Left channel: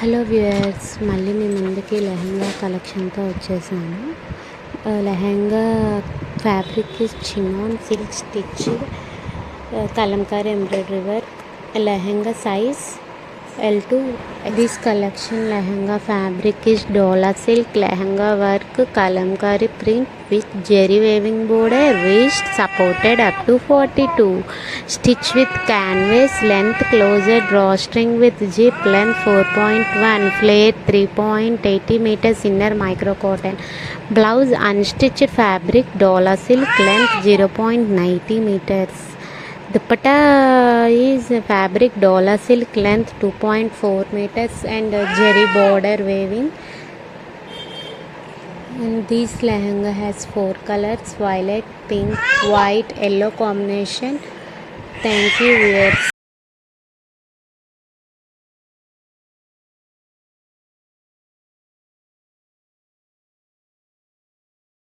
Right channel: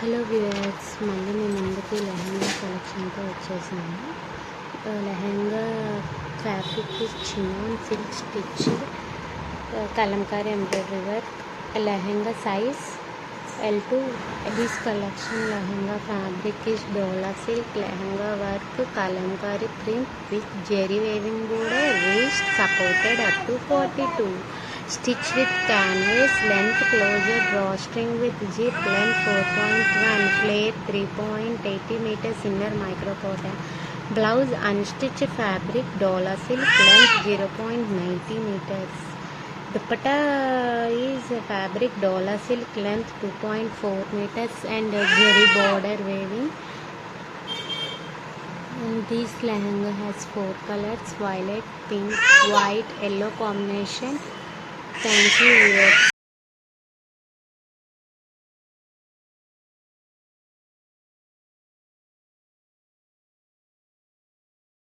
Hello viewers, మళ్ళీ మీ ముందుకి లెహంగా కలెక్షన్తో వచ్చేసాను. Lehenga fabric chinon silk stitch, Kalamkari embroidery work. Lehenga size L2. This collection lehenga fabric is Dola silk. Lehenga work kalamkari print with zeri weaving border, waist supported up to 42. Stitch with canvas, length closer drawstring with zip, length 4.1, flare 3.80 meters, inner micro cotton. Blouse unstitched fabric Dola silk, length 0.90 meters. Dupatta is fabric Dola silk, length 2.4 meters and zeri border weaving. And this lehenga has 4 colors: violet, pink, white, yellow combination. Thank you viewers.